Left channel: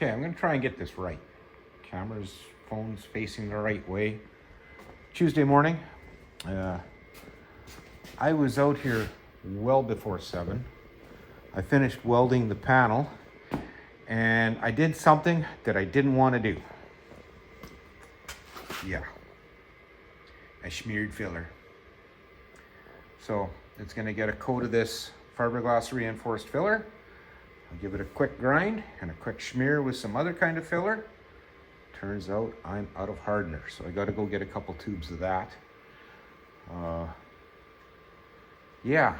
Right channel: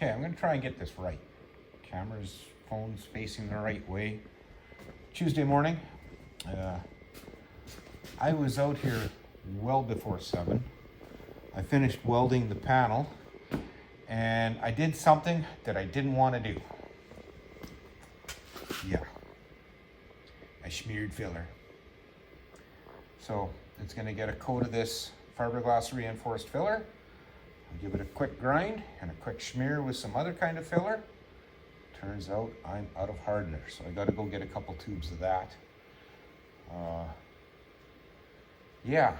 Okay, I'm gonna try and get this right. Camera's, phone's facing the right way. Tuesday morning. I was out here well before 7. I finished welding the panel and I did something that I didn't want to do. Yeah. I smeared filler. So it's gonna get a coat of this fiberglass reinforced filler. I'll give it a quick grind and a quick smear with some other kind of filler. Turns out I'm out of hardener, so I gotta go get a couple tubes of that. Yeah.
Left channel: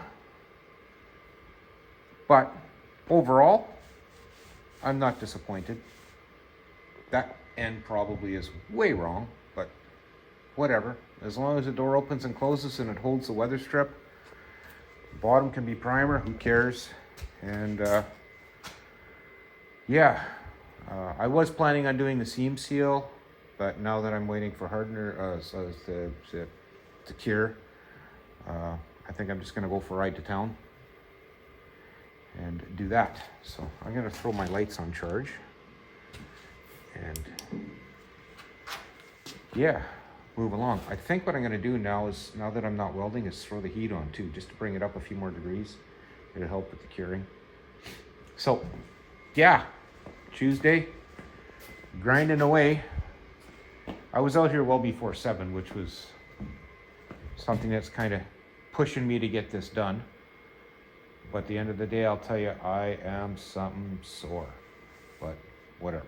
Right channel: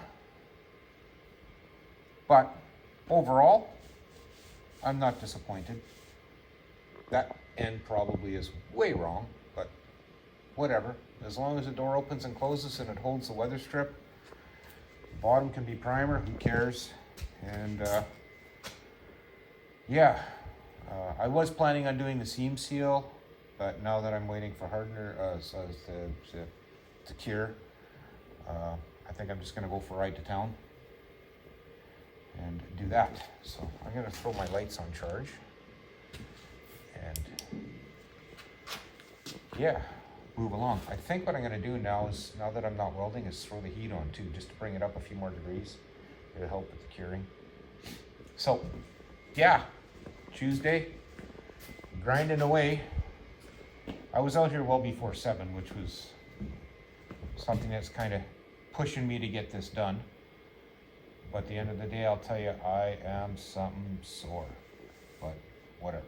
But overall, I'm not disappointed. That end probably is way wrong, but whatever. As long as the door opens and closes and it holds the weather strip, the bottom can be primer, who cares? And yeah, I was planning on doing the seam seal, but now that I'm waiting for hardener to cure, I think I'm just gonna go for a ride to town and do that. So I'm gonna throw my lights on charge and yeah, move along. I think what I'm gonna do now is, now that I'm not welding, is throw the heat on too, just to bring it up a few more degrees. It'll help with the curing. So yeah, Tuesday, grinding away. I was out here well before 7, which was something that's kind of pushing me to get this done. But at the end of the day, I'll tell you, I am something sore, but whatever.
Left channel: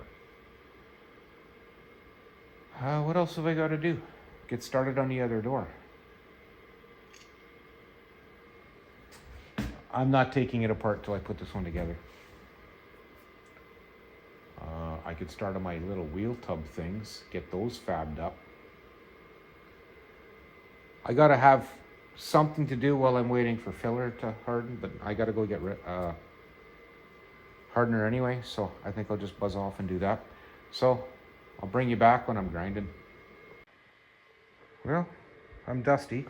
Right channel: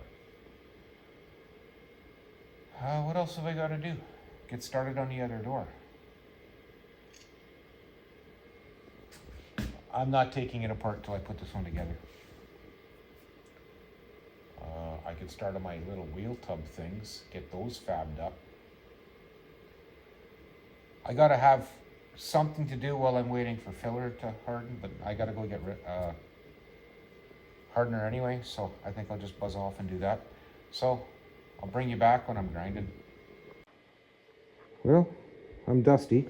What else have I got to do? Get started on the other door. I'm not taking it apart till I put this one together. I could start on my little wheel tub things, get those fabbed up. I gotta have something to do while I'm waiting for filler to harden, but I gotta go get hardener anyway, so I think I'll just buzz off and do that. So I'll bring you back when I'm grinding. Well, I'm dusty.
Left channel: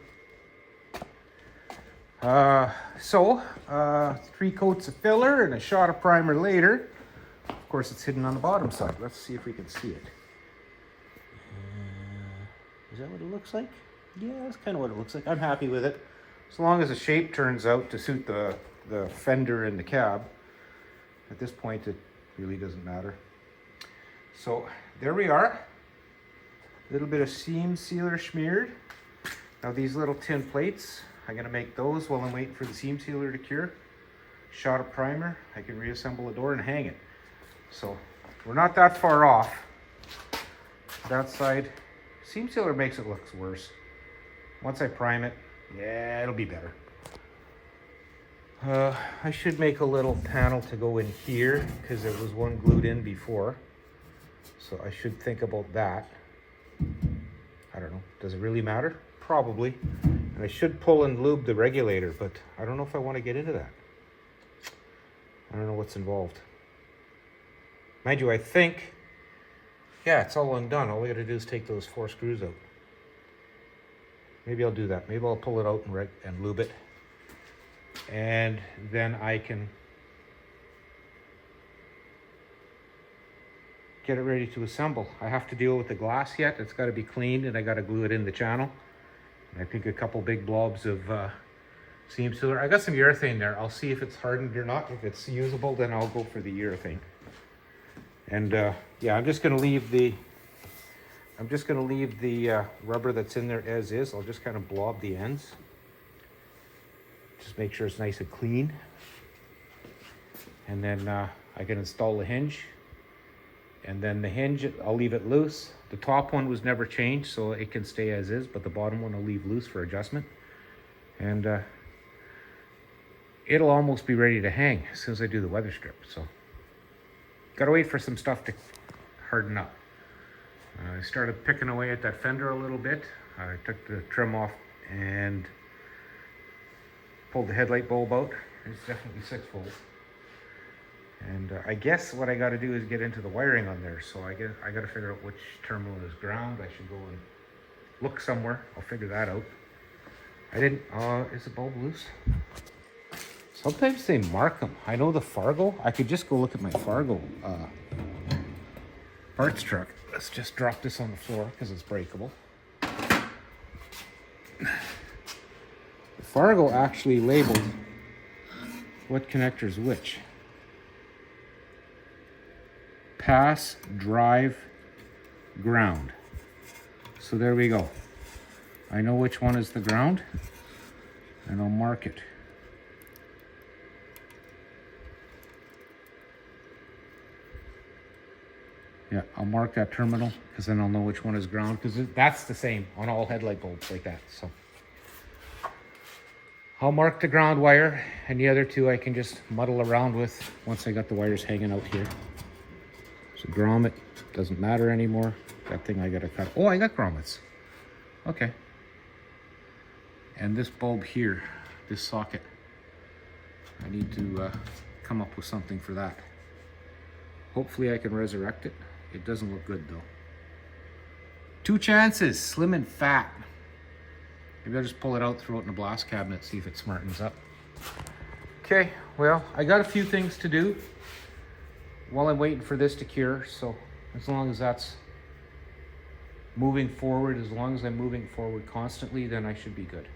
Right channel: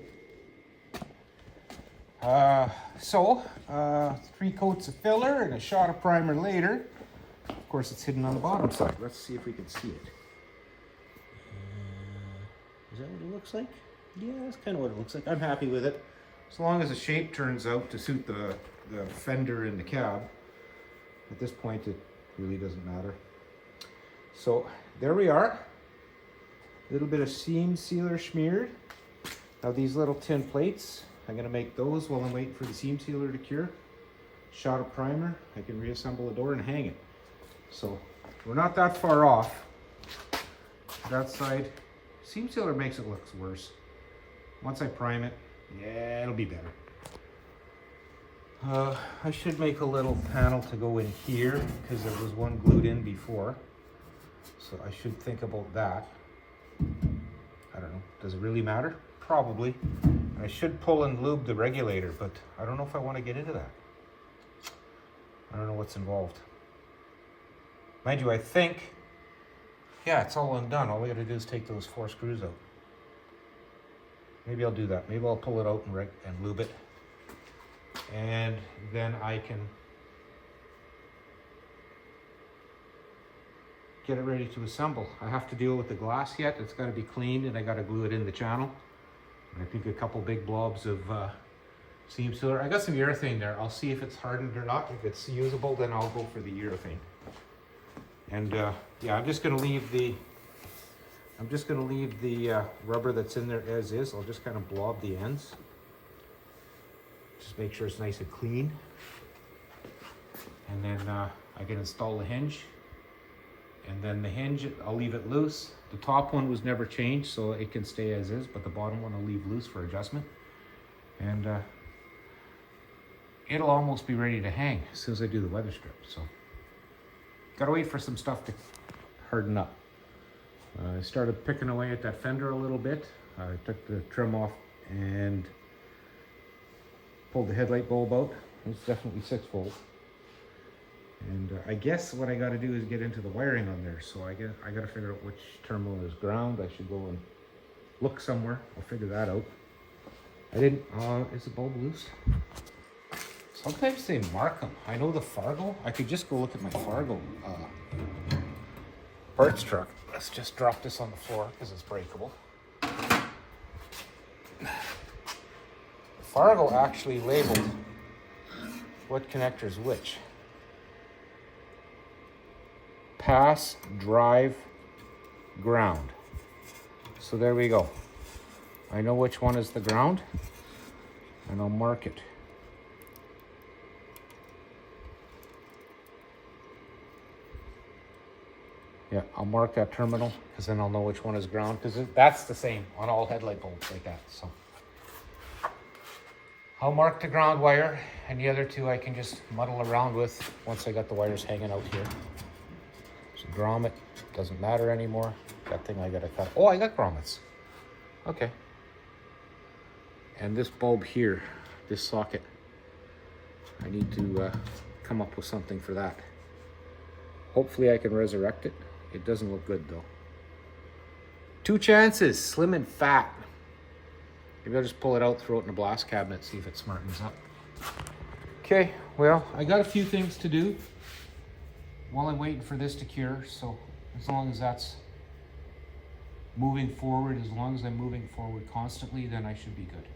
3 coats of filler and a shot of primer later. Of course, it's hidden on the bottom side. Let's see if we can see it. Is that what it looks like? Yeah, that's kind of what it looks like. I'm happy with it. As long as the shape turns out to suit the fender and the cab. At this point, it really doesn't matter. So there we are. A little bit of seam sealer smeared. Now these little tin plates, I'm gonna make those while I'm waiting for the seam sealer to cure. Shot of primer, I can reassemble the door and hang it. So we're not that far off. That side, seam sealer makes it look worse. Once I prime it, yeah, it'll be better. I should make a little panel to go in here because there was one glued in before. So I should think about that. I don't know, does it really matter? Probably. And I should pull and lube the regulator, but I don't know if I want to get into that. I don't know what's involved. Mind you, I think, yeah, it's all undone. All we gotta do is take those 4 screws out. Maybe I'll do that. Maybe I'll pull it out and lube it. And then I can get it ready to assemble. I have to deal with the glass yet. It's gotta be cleaned and I gotta glue it in the channel. And I think a couple big blobs of seam sealer. I got some urethane there. I'll see if it's hardened or not. If it's usable, then I'll go for the urethane. And yeah, I'm just gonna leave the rubber that's in there as is. I'll just kind of blob the ends. Just make sure it's nice and clean. And then I can install the hinge. And then the hinge, I'll leave it loose. The top one was never changed, so it can stay as is, but the bottom one will leave loose for adjustment. And it'll almost be ready to hang as soon as I do the weather strip. So gotta wait for some stuff to harden up. I started picking away at that fender a little bit. I took the trim off and pulled the headlight bulb out. It's definitely 6 volt. And I guess what I got to do is get into the wiring on there. So I got to figure out which terminal is ground. I should go and look somewhere. I'll figure that out. I didn't, is the bulb loose? Sometimes they mark them. I know the Fargo. I could just go look at my Fargo parts truck. Let's just drop this on the floor because it's breakable. Fargo actually labeled what connector's which. Pass, drive, ground. So there we go. I know which one is the ground, and I'll mark it. Yeah, I'll mark that terminal because then I'll know which one is ground, because that's the same on all headlight bulbs like that. So I'll mark the ground wire, and the other two I can just muddle around with once I got the wires hanging out here. So grommet doesn't matter anymore. That thing I gotta cut. Oh, I got grommets. Okay. And this bulb here, this socket, I need to come up with something for that. Hopefully I can resurrect it. It doesn't look good though. 2 chances, slim and fat. Maybe I'll just pull it out, throw it in a blast cabinet, see if it smartens up. Okay, well, I got a few things to do while I'm waiting for this to cure, so as long as that's moving forward, as long as I'm moving forward constantly, then I should be good.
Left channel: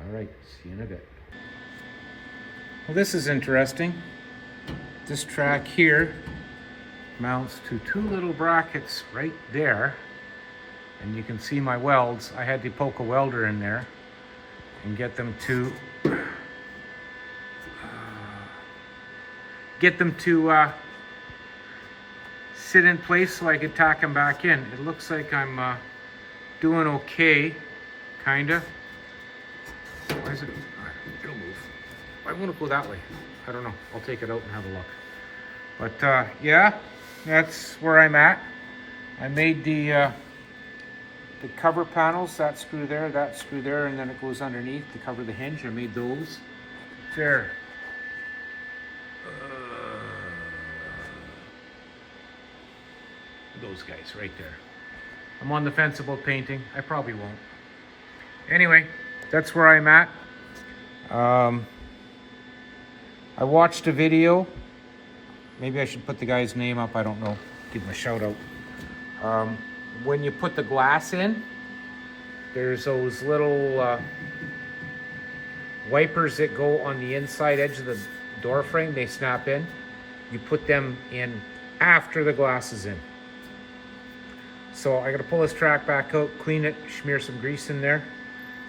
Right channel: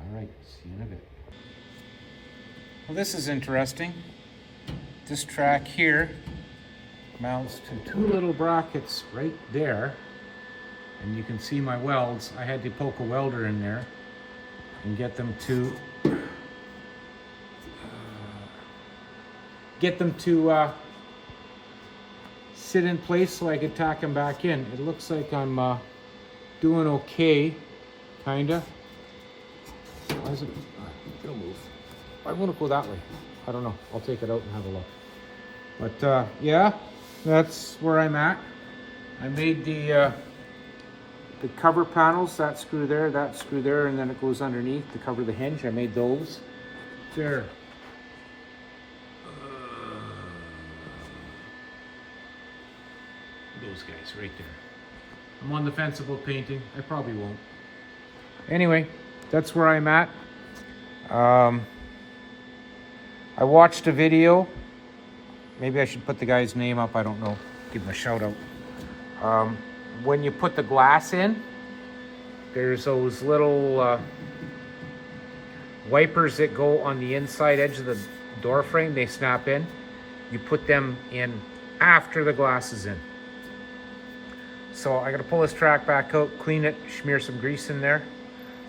All right, see you in a bit. Well, this is interesting. This track here mounts to 2 little brackets right there, and you can see my welds. I had to poke a welder in there and get them to sit in place so I could tack them back in. It looks like I'm doing okay, kinda. Why is it? It'll move. Why won't it go that way? I don't know. I'll take it out and have a look. But yeah, that's where I'm at. I made the cover panels, that screw there, and then it goes underneath to cover the hinge. I made those. There. Those guys right there. I'm on the fence about painting. I probably won't. Anyway, that's where I'm at. I watched a video. Maybe I should put the guy's name up. I don't know. Give him a shout out. When you put the glass in, there's those little wipers that go on the inside edge of the door frame. They snap in. You put them in after the glass is in. So I gotta pull this track back out, clean it, smear some grease in there.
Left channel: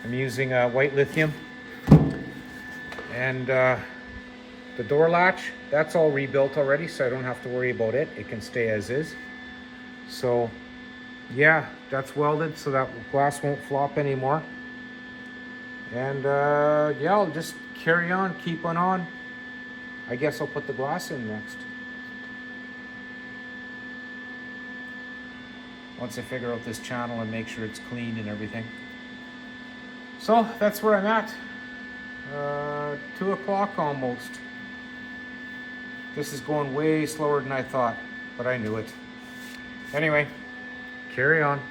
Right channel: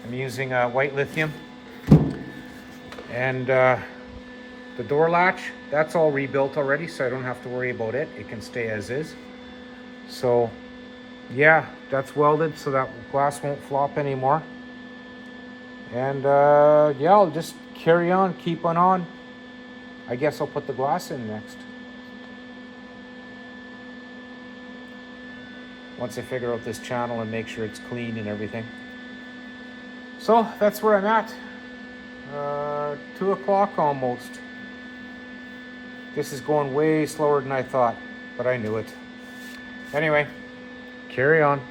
I'm using white lithium. And the door latch, that's all rebuilt already, so I don't have to worry about it. It can stay as is. So yeah, that's welded so that glass won't flop anymore. And yeah, I'll just carry on, keep on. I guess I'll put the glass in next. Once I figure out this channel and make sure it's clean and everything. So that's where I'm at. 2 o'clock almost. This is going way slower than I thought, but I knew it. Anyway, carry on.